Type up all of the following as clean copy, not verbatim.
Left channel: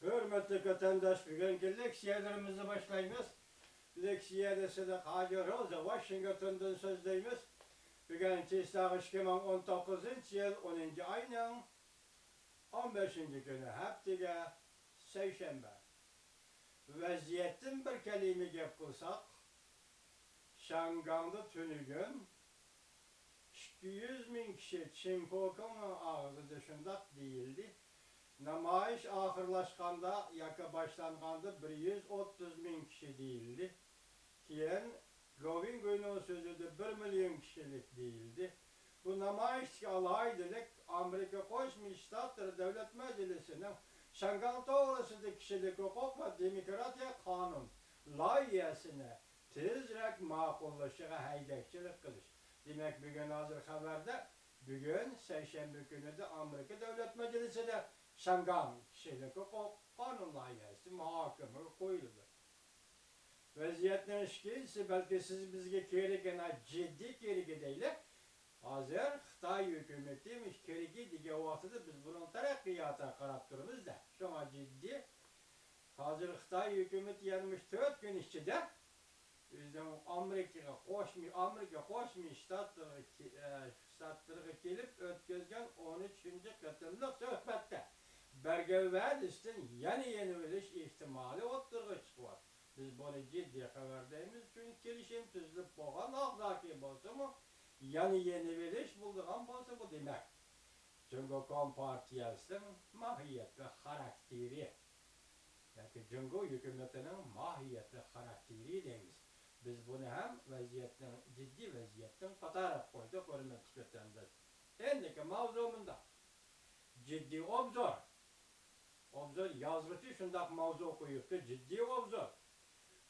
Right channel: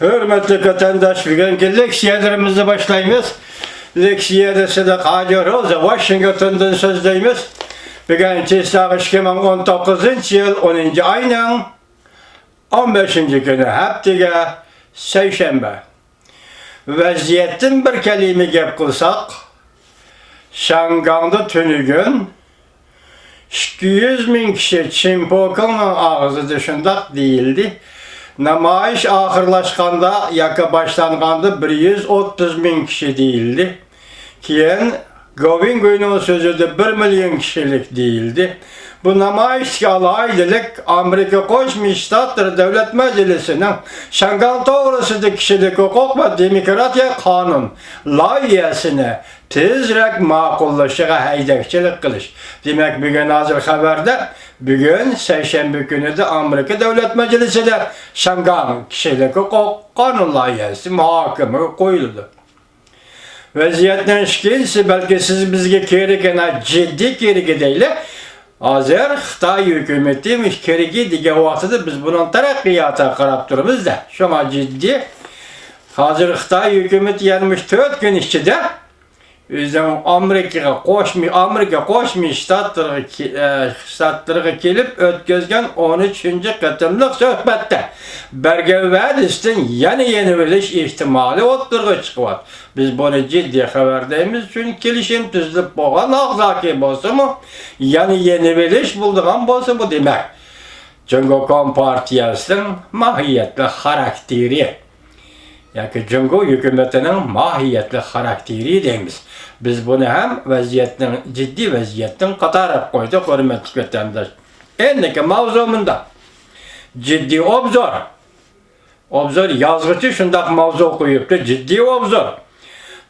Hürmetli vatandaş, bugünkü leksiyelerimizi başlayınız. Leksiyede size Hacı Rosa Washington'dan sözleyimiz. Bugünkü saat 2019 yıl 10. ayının 15. günü haftaga seyşembe. Vaziyetin bir kelime gep kılsak, Şanganda tünügün 200 bin kişi Çimpokun'un ağzı dışında değildi. Namayiş ahırlaşkanda, yaka başlanganda 130 bin kişi değildi. Kiyen Govingo'nun sözü de 1 milyon kişilik değildi. Bu namayiş alaylık Amerika Koşmuş Ştatları Devlet Meclisi'nin Şangal Doğrusu'da kişilik hukuk ve demokratiya kanun layihesine tezrek makullaşığa haydakçılık kılış. Demek bugün hazır haberde, bugün Seyşembe günü de Amerika Devlet Meclisi'de Şangal kişilik hukuk kanun layihesi muhakeme koyuldu. Vaziyetten şikayetsi belki siz bizge kerikene ciddi kerike değil. Hazır Xitay hükümetiymiş kerike dige vaxtıda biz bunun terakkiyata qarab turibuz da. Şoma ciddi. Hazır Xitay hükümeti 74 gün içinde özüm Amerika qoşmuş ştatlarga kelip ötközgen 13. qatımlıq söhbetde berge vadistin yeni biliş ihtimali o'ttirg'a chiqyapti. Biz bunu ciddi xabardaymiz üçün kelishim tuzilib bo'lgan og'zaki bo'lsa-mu, yeni bilish bo'ldigan bo'lsa bu demak. Jungo Kompartiyasining mohiyatli xarakteri yoki Jungo hükümetinin mahiyetli xarakteri deymiz. Biz bunu hem ciddi vaziyetten qatarib qo'ydik, hurmatli vatandosh. Endiki mavzumunda ciddi obzor. Obzor yazgıcı shundaq mavzu qo'yibdi, ciddi obzor.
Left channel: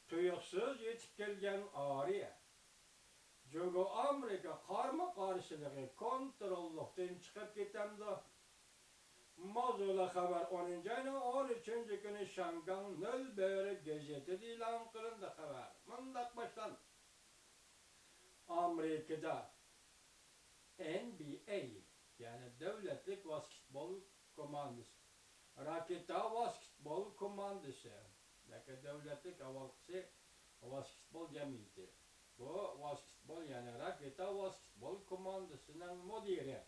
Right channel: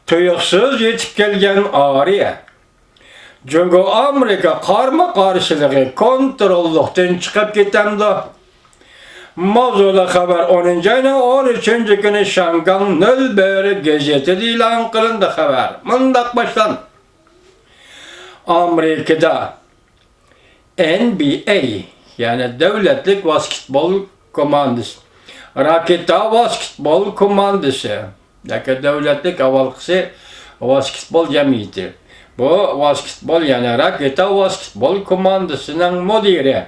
Tuyuqsiz yetib kelgan ariya. Jungo Amerika qarma qarshiligi kontrollikdan chiqib ketamdi. Mavzula haber 10. ayının 13. günü Şangal Nölberi gazetede ilan kılındı haber. Mındak başlan. Amerika'da NBA yani devletlik basketbol komandası, raketa basketbol komandası, yani devletlik avalkısı basketbol cemiyeti. Bu basketbol yani raketa basketbol komandasının müdiri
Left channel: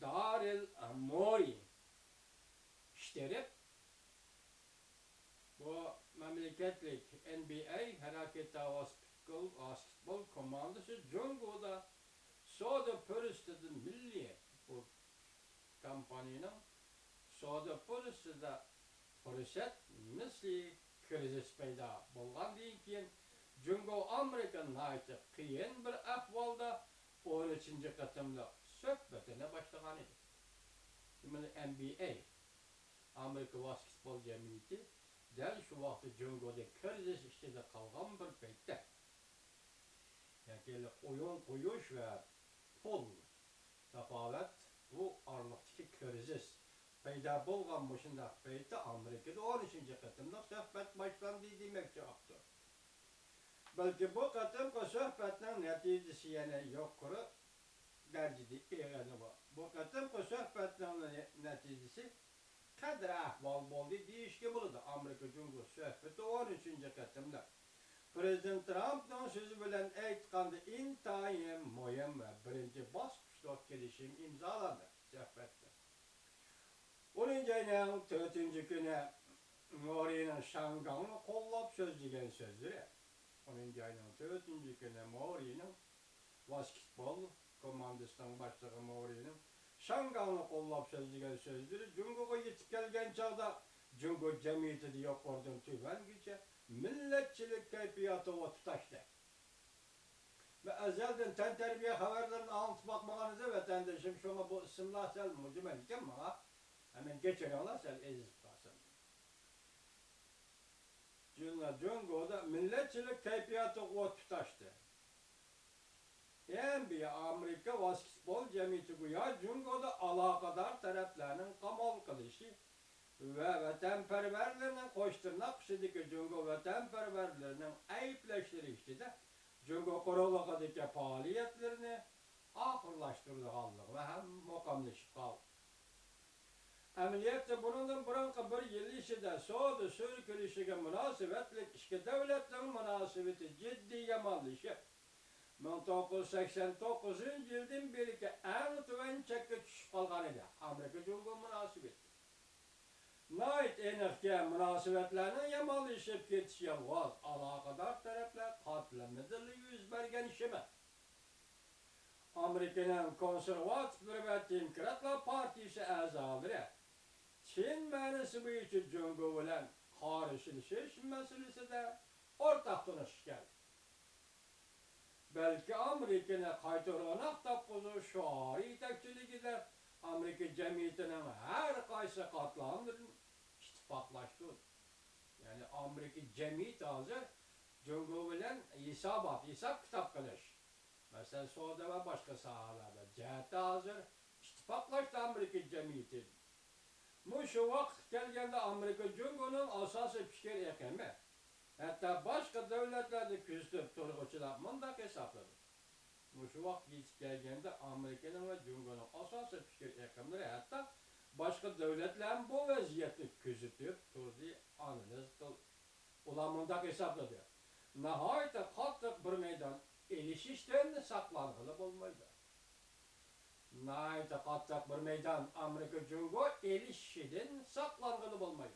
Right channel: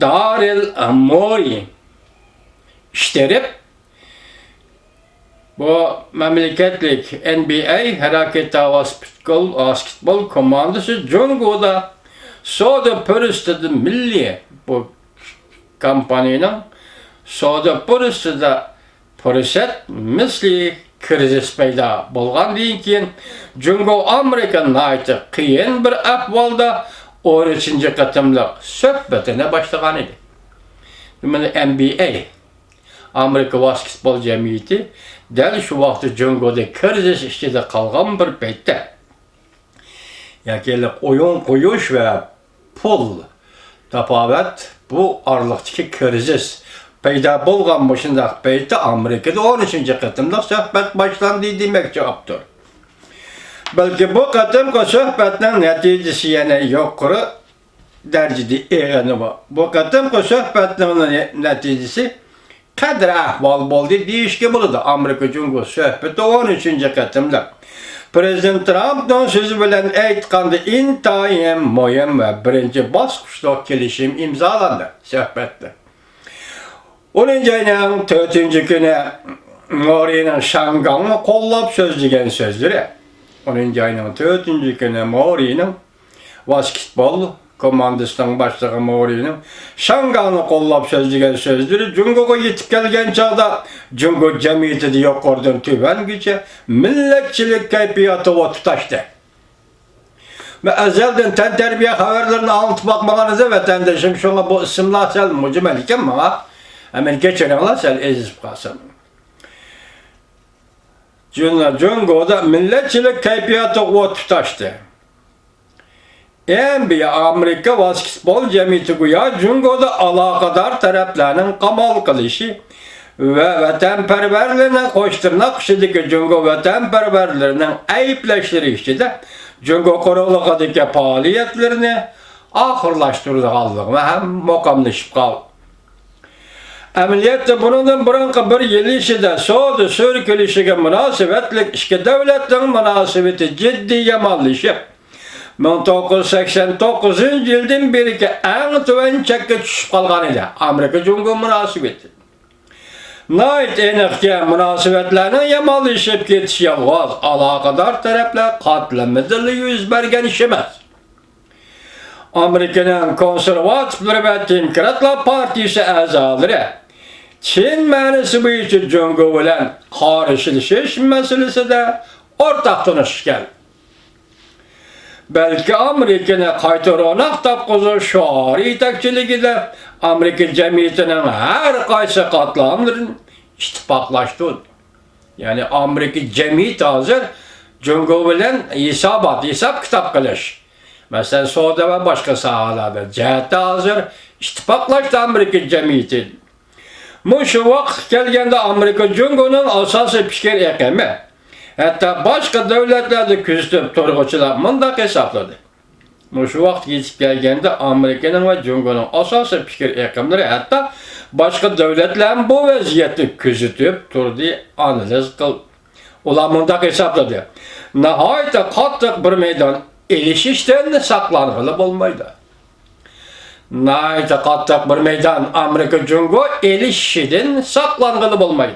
Daril Mori işterip bu memleketlik NBA hareketi basketbol komandası Jungo'da soda pürüstüdü milli bu kampanyanın soda pürüstüdü pürüset misli krizis payda bolgan deyin keyin Jungo Amerika'nın ayti qiyin bir ahvalda 13. qatımlıq söhbetine başlagan idi. NBA Amerika Basketbol Cemiyeti däl şu vaqtda Jungo'da krizis içinde qalgan bir paytda yakelip oyun qo'yish ve pul tapavat bu arlıqdaki krizis payda bo'lgan shundaq paytda Amerikada 13. qatımlıq söhbet başlandı demek cevaptır. Belki bu qatımki söhbetning natijasi yana yuqori darajada eğeni var. Bu qatımki söhbetning natijasi qadri ahvol bo'ldi deyishga bo'ladi. Amerika Jungo söhbeti 13. qatımlıq. Prezident Trump'dan sözü bilen aytganda intayin muhim ve birinci bosqichda kelishim imzolandı söhbetde. 10. ayının 4. günü Mori'nin Şangal'ını qo'llab so'zlagan so'zlari. 10. ayının 4. günü Mori'nin basketbol komandasının başlığı Mori'nin Şangal'ını qo'llab so'zlagan so'zlari Jungo'ga yetib kelgan chog'da Jungo jamiyatida yuqoridan tubangacha millatchilik kayfiyati va tutashdi. Ve ezelden tantarbiya xabarlarini anlatib bakmaganızda vatandaşım şuna bu isimlar sel mucmal ekan bana. Hemen geçerenler sel ezip kalsın. Jungo'da milletçilik kayfiyatı o tutaştı. NBA Amerika Basketbol Cemiyeti güya Jungo'da alakadar taraflarının kamal kılışı ve vatanperverlerine koşturnak işideki Jungo vatanperverlerinin ayıpleşleri işide Jungo koruluğundaki faaliyetlerini ahırlaştırdıqallığı ve hem mokamlaşıp qaldı. Əməliyyatda bunun bırınqı bir yıl işide soğudu sürkülüşüge münasibetlik işki devletin münasibeti ciddi yamanlaşıp 1989 yıldan beri ki en tüven çekke düşüp kalgan idi Amerika-Cungo münasibeti. Nait enikki münasibetlerinin yamanlaşıp getiş yalğaz alakadar taraflar katlamıdırlı yüz bergen işemez. Amerika'nın konservatifleri ve Demokratlar Partisi azaları Çin mənisi bu için Cungo bilen karşılaşış meselesi de ortak tanışken. Belki Amerika'nın kaytarınak tapkızı şuarı itekçiligi de Amerika cemiyetinin her kaysı katlamların ittifaklaştı. Yani Amerika cemiyeti hazır Cungo bilen hesap kitap kılış. Mesela Suudi ve başka sahalarda cihette hazır ittifaklaştı Amerika cemiyeti. Şu vakt gelgende Amerika-Cungo'nun asası fikir ekemi. Hatta başka devletlerde küstüp turguçular mındak hesapladı. Şu vakt yetip gelgende Amerika'nın ve Cungo'nun asası fikir ekemleri hatta başka devletlerin bu vaziyeti küstüp turdu analiz kıl. Ulan mındak hesapladı. Nihayet kattık bir meydan ilişişten saklanılı olmaydı. Nihayet kattık bir meydan Amerika-Cungo ilişkiden saklanılı olmaydı.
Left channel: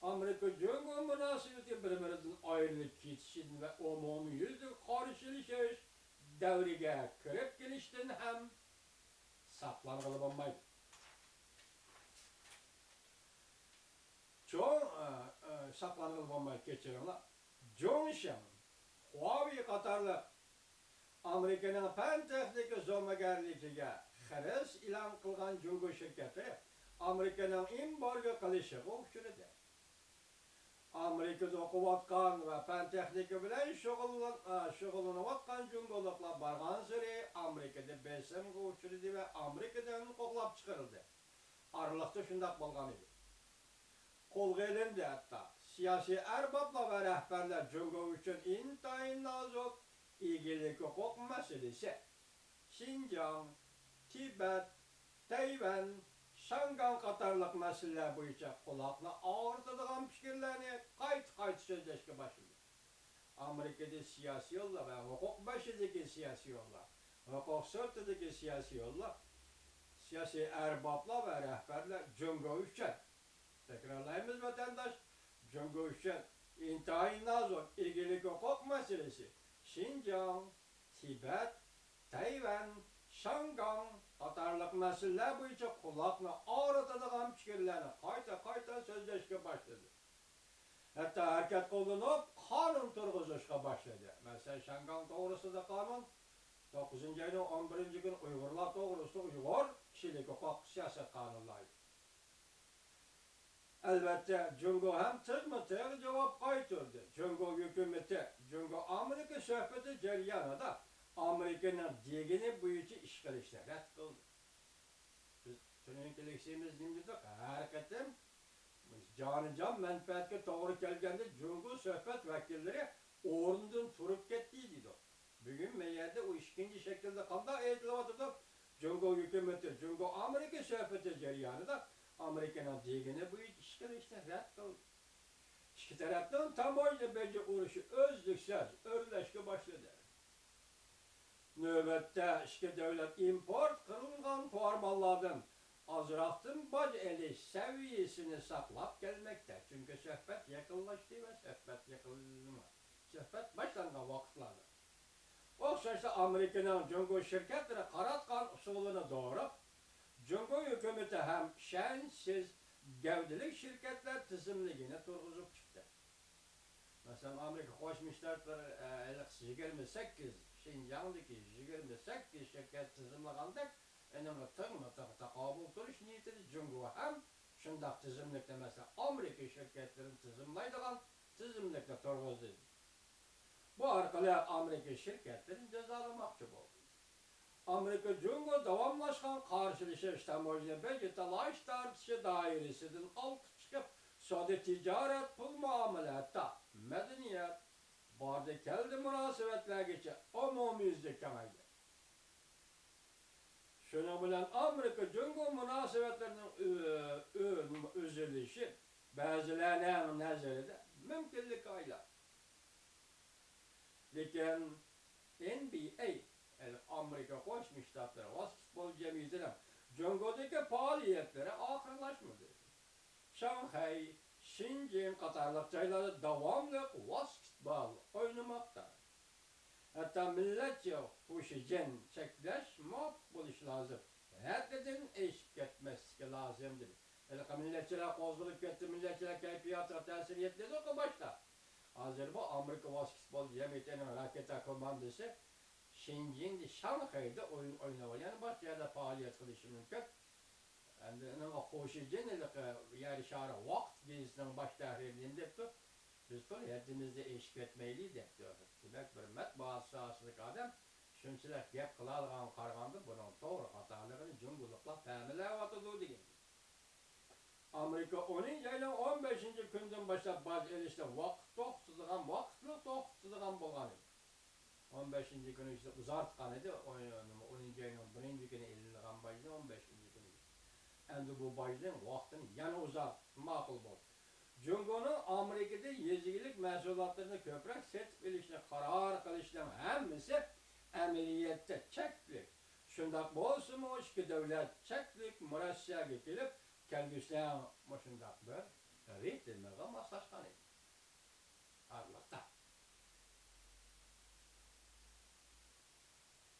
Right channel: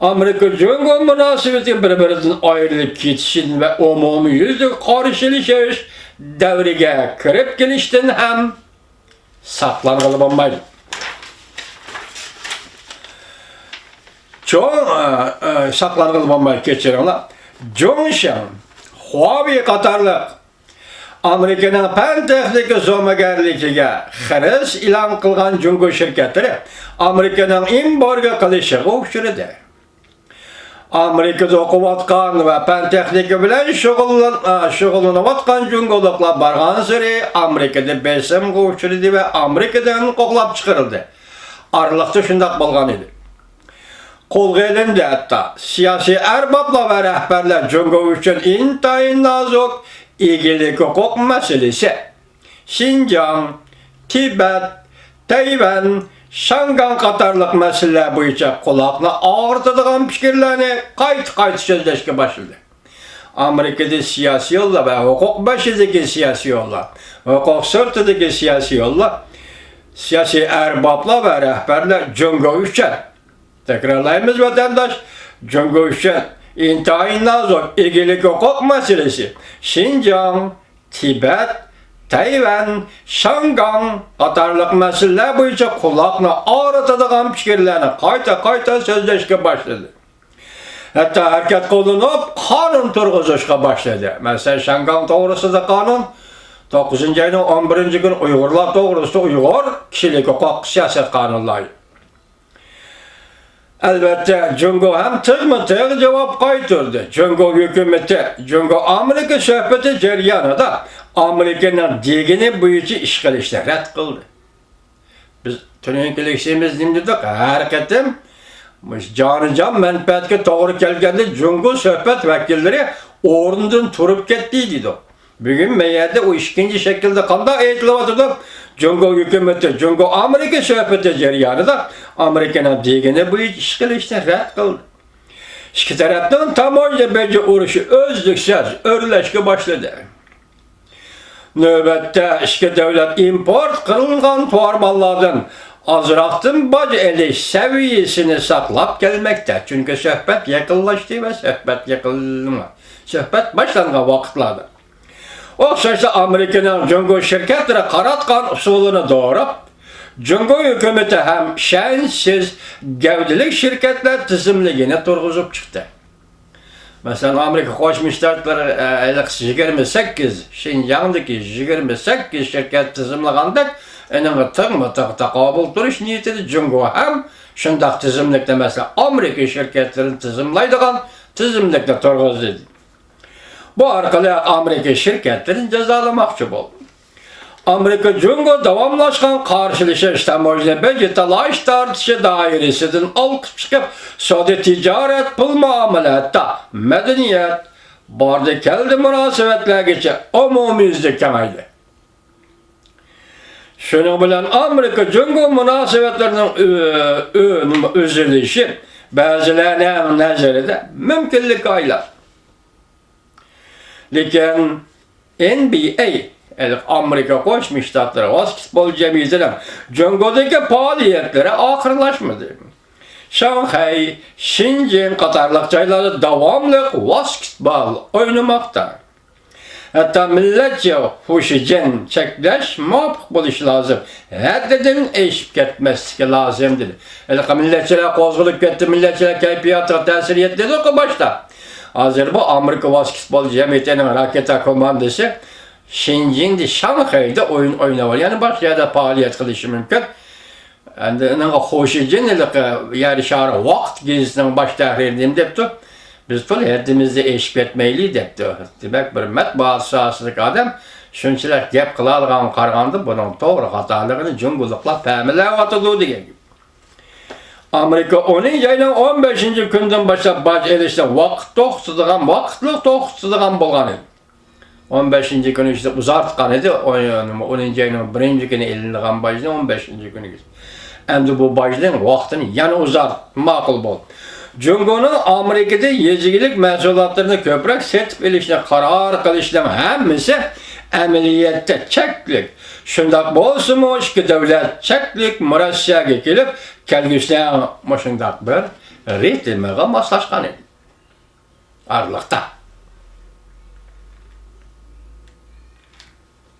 Amerika-Cungo münasebeti birbirinden ayrılıp gitişin ve umumi yüzlük karşılaşış devrige kirip gelişten hem saklanılı olmaydı. Çok saklanılı olmaydı geçirenler. Johnson, Huawei Katarlık Amerika'nın pen texniki zomagerligiga xiris ilan qilgan Cungo şirketleri Amerika'nın imporga qilishiga o'xshirdi. Amerika'da o'qiyotgan va pen texniki bilan shug'ullanayotgan Cungoliklar bargan sari Amerika'da besimga uchradi va Amerikadan qo'g'lab chiqarildi. Aralıqda shundoq bo'lgan edi. Qo'lga ilindi hatta siyosiy arboblar va rahbarlar Cungo uchun intayin nozik ilgili hukuk meselesi Şinjan, Tibet, Tayvan, Şangan katarlık meseleler boyunca kulakla ağırtıdığın fikirlerini kayıt sözleşke başladı. Amerika'da siyasi yolla ve hukuk başındaki siyasi yolla, hukuk sırtındaki siyasi yolla, siyasi erbaplar ve rehberler Cungo için, tekrarlayımız vatandaş, Cungo için İntayin nazik ilgili hukuk meselesi Şinjan, Tibet, Tayvan, Şangan katarlık meseleler boyunca kulakla ağrıtıdığın fikirlerini kayta sözleşke başladı. Hatta hareket kolunup kanun turguzuşka başladı. Mesela Şangan doğrusu da kanun 9. ayının 11. gün Uygurlar doğrusu Uygur kişilik hukuk siyaset kanunları. Elbette Cungo hem tığ cevap kaytırdı. Cungo hükümeti, Cungo Amerika söhbeti ceryanında Amerika'nın digini boyunca işgalişte red kıldı. Biz tünenkilikşimiz dimdidik, hareketim, canı menfaatke doğru gelgende Cungo söhbet vekilleri orundan turup gittiydi. Bugün meyerde o ikinci şekilde kanda eğitilavatırdı. Cungo hükümeti, Cungo Amerika söhbeti ceryanında Amerika'nın digini bu işgalişten red kıldı. İki taraftan tamoyla bence uğraşı özlüksüz örüleşke başladı. Nöbette iki devlet import kırılgan tuarmallardan azraktın bacı eli seviyesini saklap gelmekte. Çünkü söhbet yakınlaştı ve söhbet yakınlaştı. Söhbet başlangan vakitlarda. Oxşaysa Amerika'nın Cungo şirketleri karatkan usulunu doğurup, Cungo hükümeti hem şensiz gevdilik şirketler tizimliğine turguzup çıktı. Mesela Amerika Koçmuş Ştatları 28, Şinjan'daki 28 şirket tizimliğindik, enine takabül duruş niyeti Cungo hem şundak tizimlikte mesela Amerika şirketlerini tizimlaydıgan tizimlikte turguzuydu. Bu arkalı Amerika şirketlerini cezalamakçı oldu. Amerika-Cungo davamlaşkan karşılaşış temojda becetalaş tartışı dairesinden alıp çıkıp Saudi ticaret pul muameletta, medeniyet, barda keldi münasebetler geçe umumizde kemeydi. Şunun bilen Amerika Cungo münasebetlerinin üzülüşü bazılarının nazarında mümkünlük aylar. Lakin NBA, Amerika Koşmuş Ştatları Basketbol Cemiyeti'nin Cungo'daki faaliyetleri ahırlaşmadı. Şanghay, Şincan Katarlık çayları devamlı basketbol oynamakta. Hatta milletçe huşicen çekleş muvaffak buluş lazım. Haddeden eşip ketmesi lazımdır. Milletçiler kozguluk gitti, milletçiler keyfiyatı tesir etti ki başta. Hazır bu Amerika Basketbol Cemiyeti'nin raketa komandası Şincan'da, Şanghay'da oyun oynamalı. Yani başka yerde faaliyet kılışı mümkün. Yani hoşicen yarışarı vakt gezisinin baş tahririyim depti. Biz tol herdimizde eşip etmeyli depti. Demek bir matbuat sahasındaki adam şunçiler gep kılalgan kargandı bunun doğru hatalığını cungulukla pəmile atıdı diye. Amerika 10. ayının 15. günden başlap baş edişte vaktlık toksuzduğun bolğan idi. 15. günü işte uzartqan idi. 10. ayının 1. günü elinliğen başını 15. günü geçti. Endi bu başlığın vaxtını yani uzart, makul bol. Cungo'nun Amerika'da yezgilik məhsulatlarını köprek setip ilişine karar kılışlama hemmisi əməliyyətdə çəklik. Şundaq bolsunmuş ki devlet çəklik mürəssiyəyə gelip kelgüsünə şundaq bir ret etməyə maslaşqan idi. Arlıqda.